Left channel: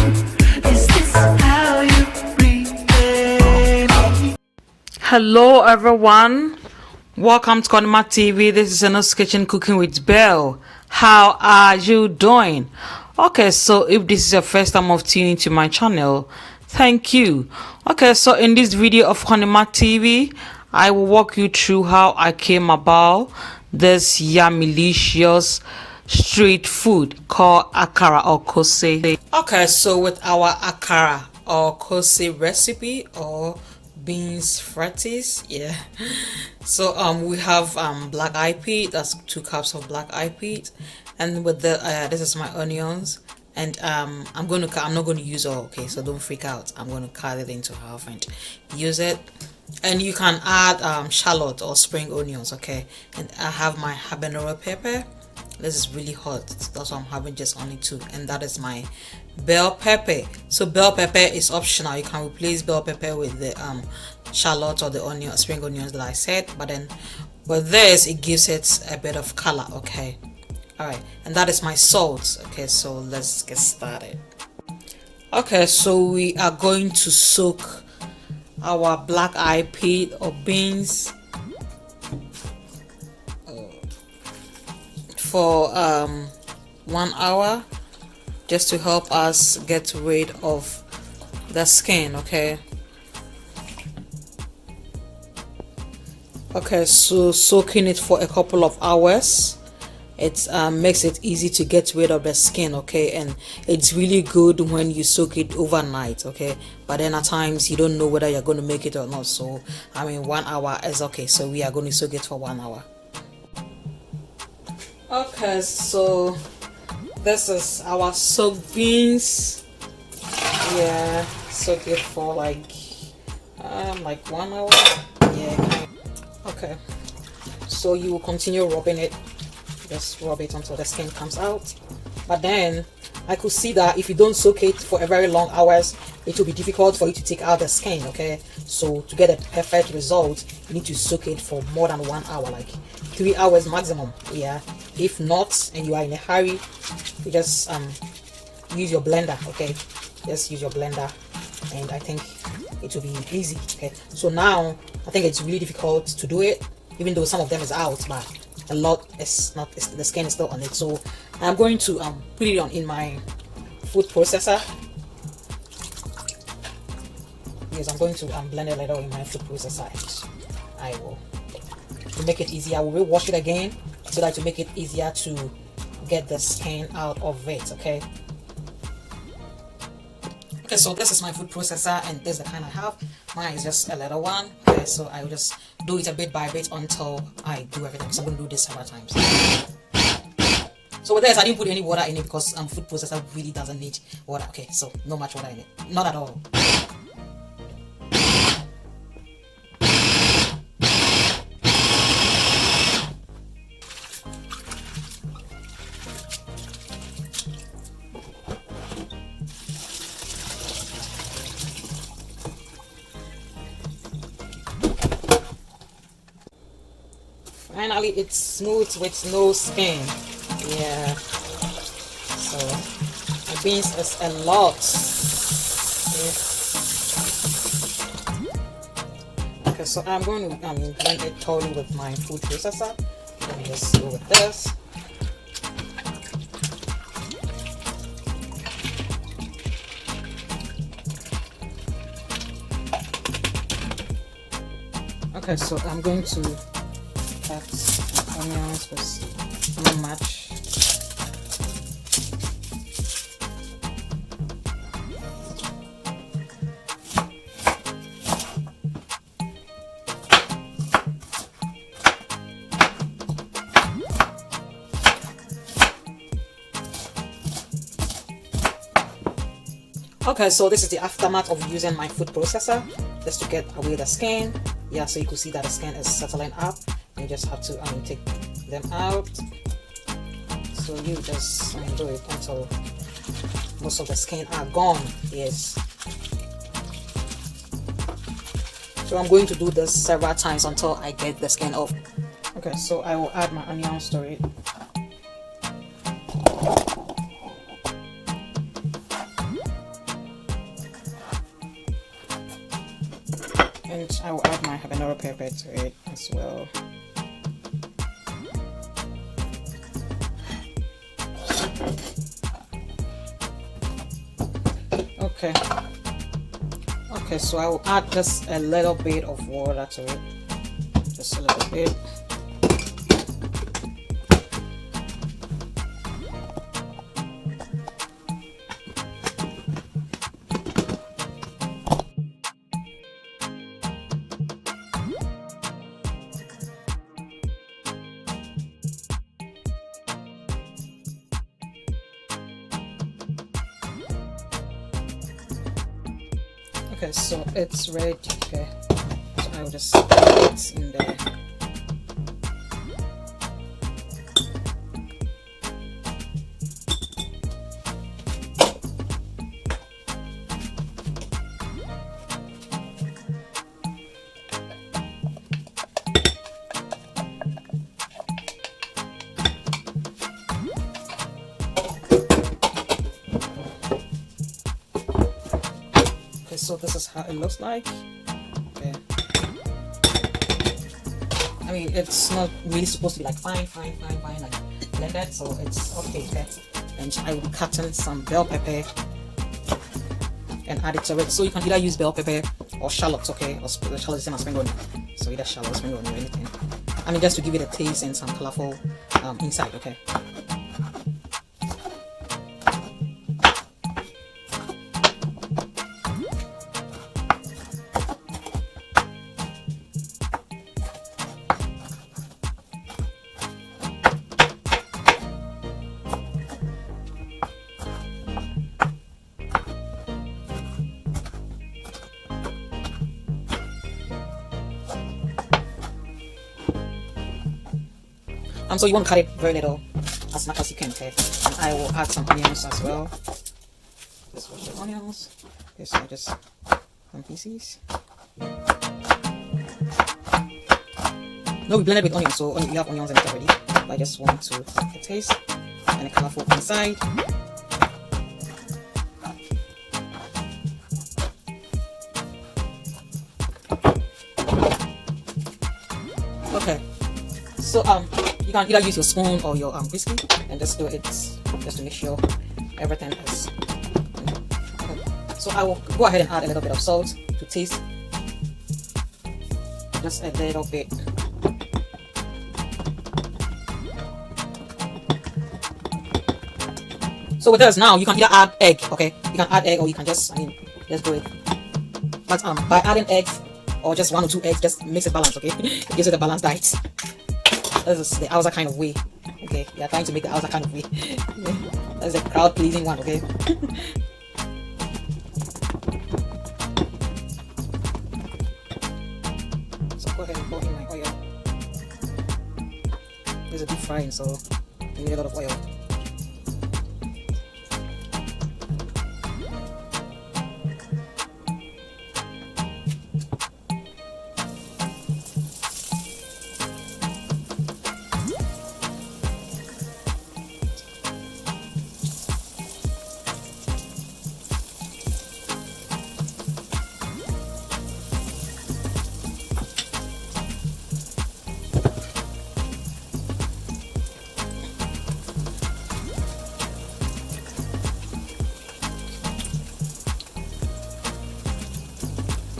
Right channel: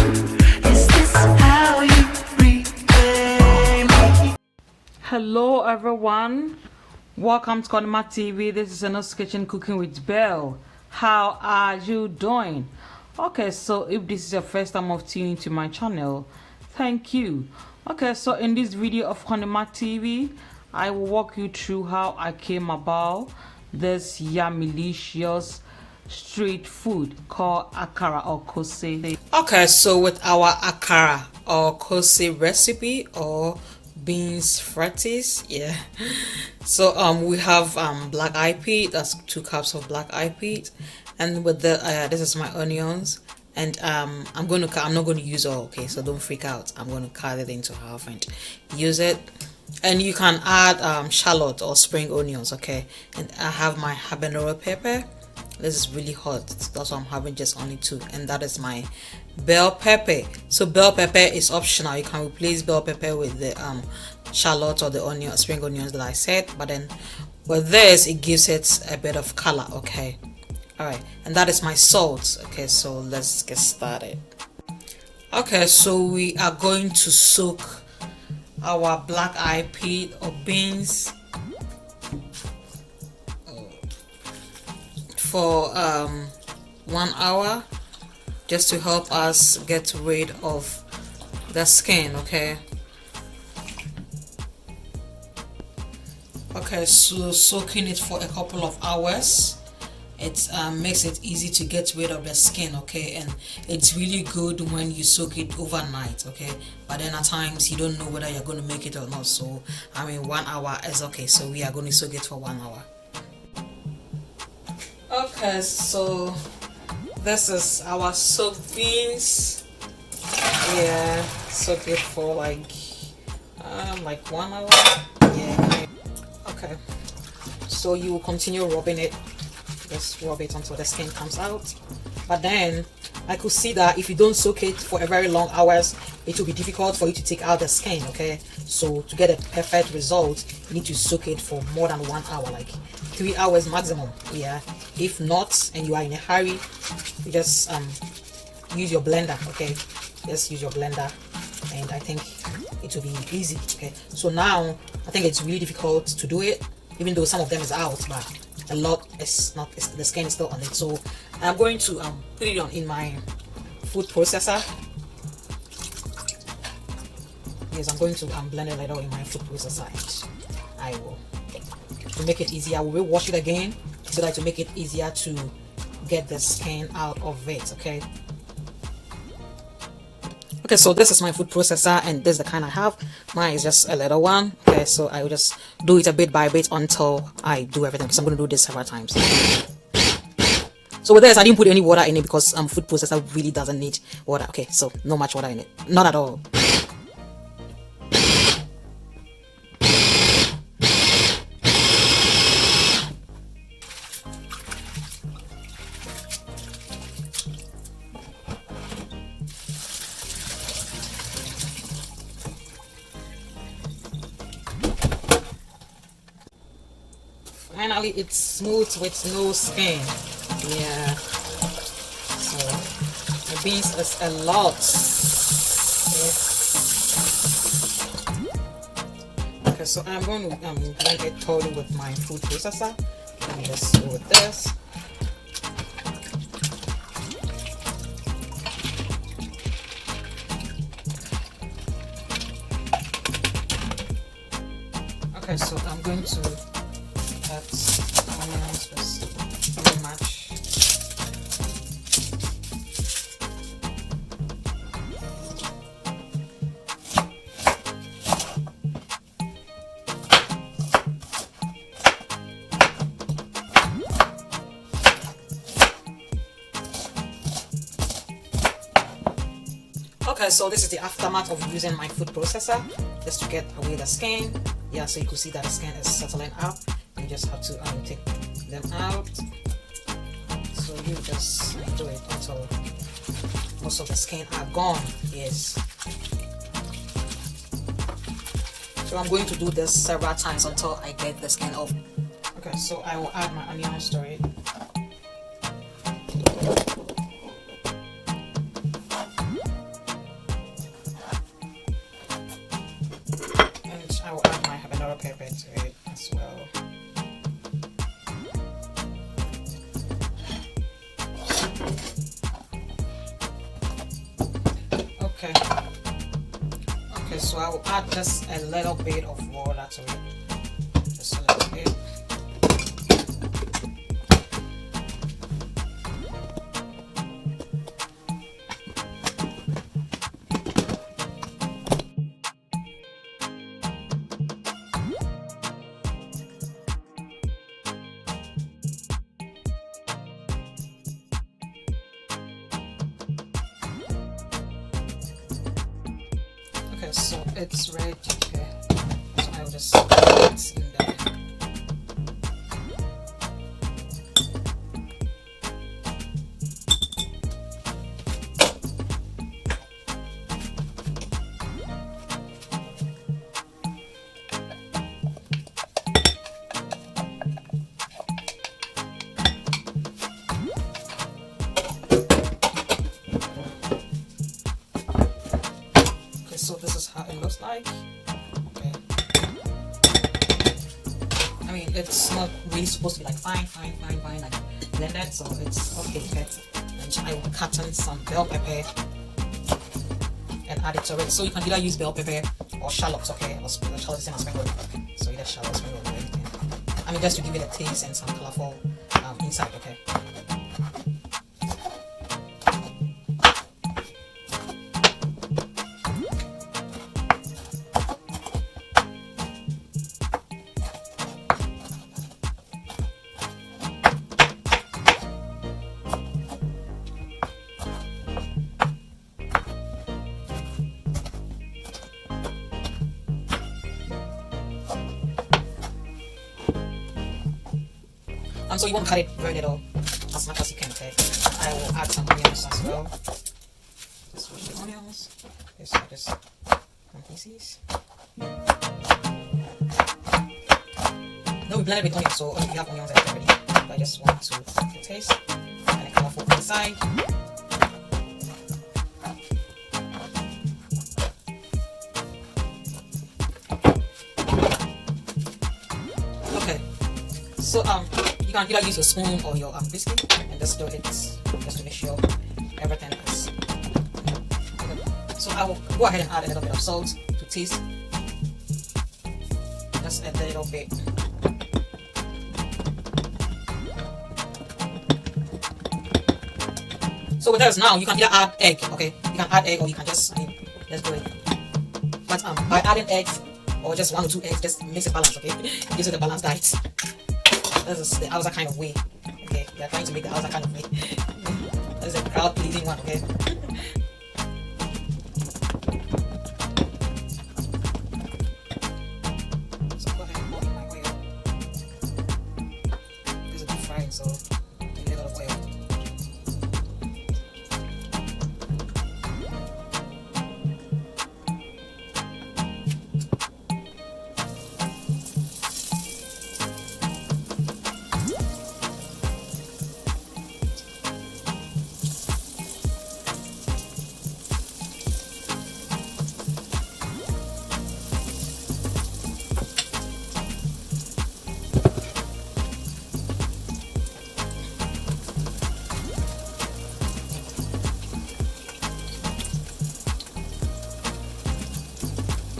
Is this how you repay me? Hello everyone, welcome to CONNIEMARTS TV. This is Anna's Kitchen Cooking with Belle. How are you doing? Okay, so if this is your first time of tuning to my channel, thank you. Okay, so in this video of CONNIEMARTS TV, I will walk you through how I came about this yummy-licious street food called akara or kose. Okay, so with our akara or kose recipe or beans fritters, yeah. So we have black eyed peas. That's 2 cups of black eyed peas, and with the this is my onions, and I'm not going to use all. Okay, so don't freak out. I'm going to cut it into half and use it. And you can add shallot or spring onions. Okay, and I have my habanero pepper. This is really hot, that's why I'm having just only 2, and that is my bell pepper. So bell pepper is optional. You can replace bell pepper with the shallot or the spring onions that I said, but then with this it gives it a bit of color. Okay, all right, and that is my salt. Okay, so let's get started. Okay, so we are going to soak our black eyed pea or beans for 1 hour, just to help us get rid of the skin. Okay, so soaking it for a couple of hours, it makes it easy to get rid of the skin. Okay, and it's really good when you soak it overnight. Okay, but then at times you don't know whether you're going to make it or not, so 1 hour is okay. So we are going to soak it for 1 hour. Okay, so this is our soaked beans. Yeah, soak it for like 1 hour. Yeah. Okay, so you will continue rubbing it. Just rub it until the skin comes out. But then I could see that if you don't soak it for a very long hours, it will be difficult for you to take out the skin. Okay, so to get a perfect result, you need to soak it for more than 1 hour, like 3 hours maximum. Yeah, if not and you are in a hurry, you just use your blender. Okay, just use your blender, and I think it will be easy. Okay, so now I think it's really difficult to do it, even though some of them is out, but a lot is not. The skin is still on it. So I'm going to put it on in my food processor. Yes, I'm going to blend it later in my food processor. I will, to make it easier, I will wash it again so that to make it easier to get the skin out of it. Okay, so this is my food processor, and this is the kind I have. Mine is just a little one. Okay, so I will just do it a bit by bit until I do everything. So I'm going to do this several times. So with this, I didn't put any water in it because food processor really doesn't need water. Okay, so not much water in it, not at all. Finally, it's smooth with no skin. Yeah. So the beans is a lot. Okay, so I'm going to blend it totally with my food processor. Let me just do with this. Okay, so I'm going to onions with onion match. Okay, so this is the aftermath of using my food processor just to get away the skin. Yeah, so you can see that the skin is settling up. You just have to take them out. So you just do it until most of the skin are gone. Yes. So I'm going to do this several times until I get the skin off. Okay, so I will add my onions to it. And I will add my habanero pepper to it as well. Okay. Okay, so I will add just a little bit of water to it. Just a little bit. Okay, so it's ready. Okay, so I will just put it in there. So this is how it looks like. Okay. I mean, it's not really supposed to be like fine like that. So it's okay. Okay. And I will cut in some bell pepper and add it to it. So you can either use bell pepper or shallots. Okay, or shallots the same as spring onion. So either shallots, spring onion, or anything. I mean, just to give it a taste and some colorful inside. Okay. So you want to cut it very little, as much as you can, okay? And I will add some onions as well. Just wash the onions. This are just some pieces. No, we blended with onions, so you have onions in it already. But I just want to get a taste and a colorful inside. Okay, so you can either use your spoon or your whiskey and just do it just to make sure everything is. Okay. So I will go ahead and add a little bit of salt to taste. Just a little bit. So with this now, you can either add egg, okay? You can add egg or you can just, just do it. But by adding eggs or just 1 or 2 eggs, just makes it balanced, okay? It gives it a balanced diet. This is the Hausa kind of way. Okay, we are trying to make the Hausa kind of way. That's a crowd pleasing one, okay? So go ahead and pour in my oil. This is a deep frying, so you need a lot of oil.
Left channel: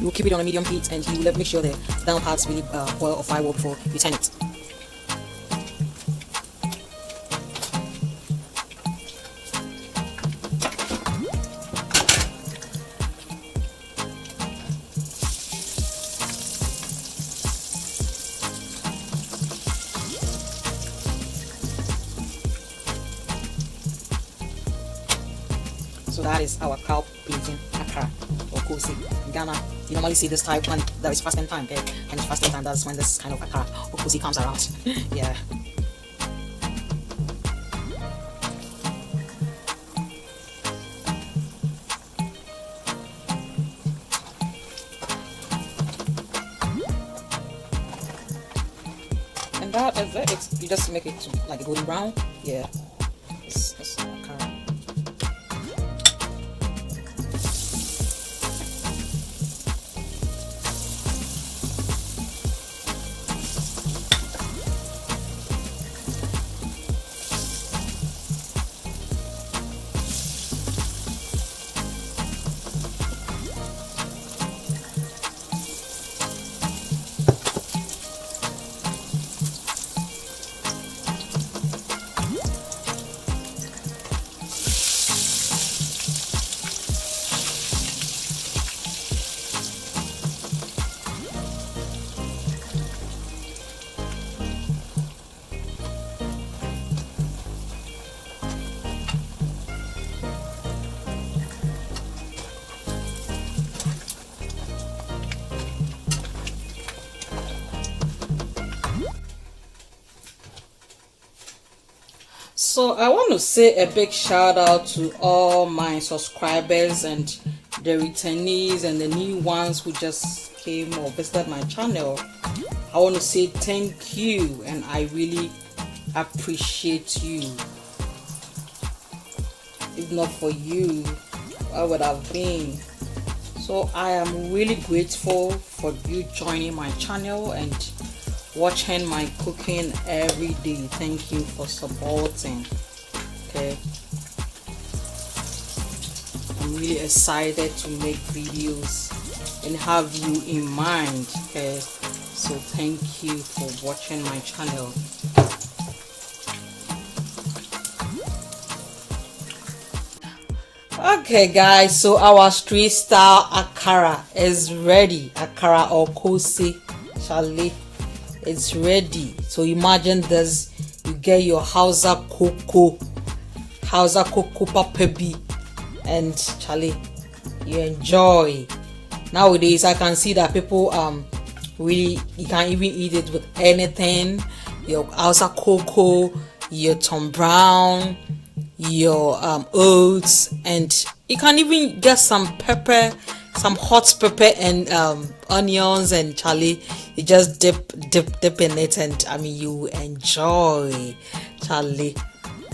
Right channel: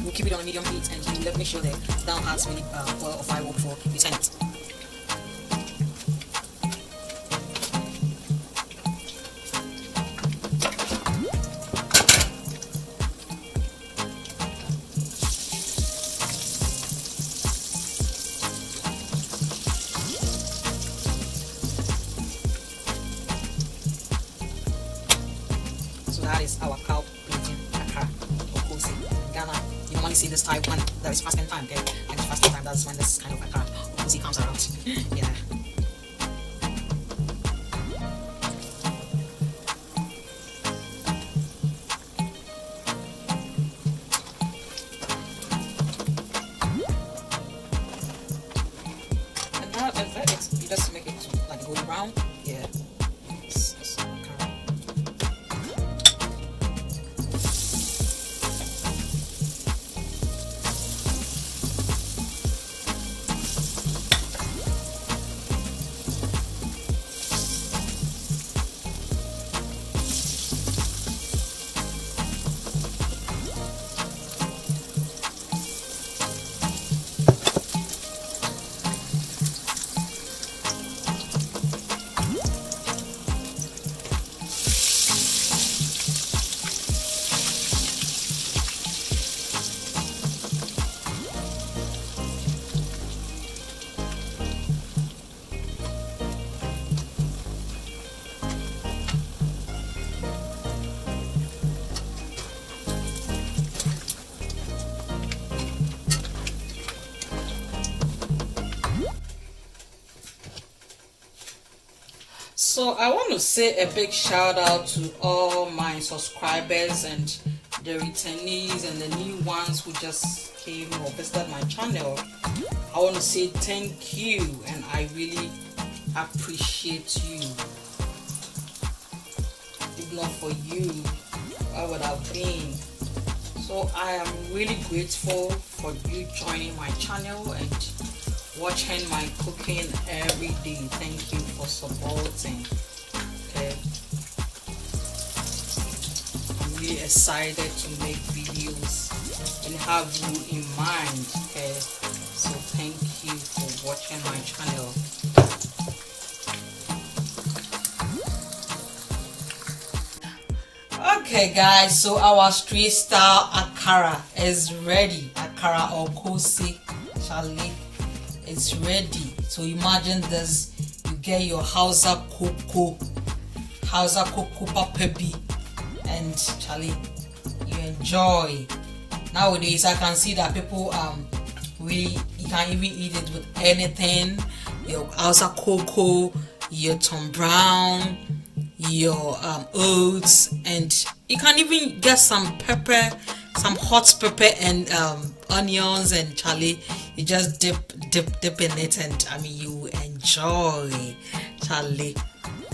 You keep it on a medium heat and you make sure the down parts really boil or fry well before you turn it. So that is our cow plating akara or kosi in Ghana. You normally see this type when there is fasting time, okay? And it's fasting time, that's when this kind of akara or kosi comes around. Yeah. And that is it. You just make it like golden brown. Yeah. It's akara. So I want to say a big shout out to all my subscribers and the returnees and the new ones who just came or visited my channel. I want to say thank you, and I really appreciate you. If not for you, I would have been. So I am really grateful for you joining my channel and watching my cooking every day. Thank you for supporting. Okay, I'm really excited to make videos and have you in mind. Okay, so thank you for watching my channel. Okay guys, so our street style akara is ready. Akara or kose chale, it's ready. So imagine this, you get your Hausa cocoa papebi, and chale, you enjoy. Nowadays I can see that people really, you can even eat it with anything. Your Hausa cocoa, your Tom Brown, your oats, and you can even get some pepper, some hot pepper and onions, and chale, you just dip in it, and I mean you enjoy chale.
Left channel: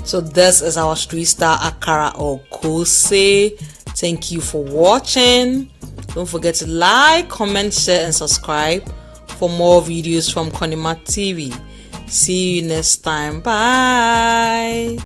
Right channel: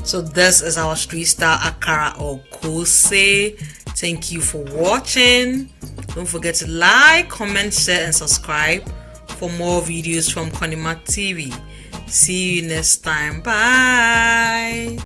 So this is our street style akara or kose. Thank you for watching. Don't forget to like, comment, share and subscribe for more videos from CONNIEMARTS TV. See you next time. Bye.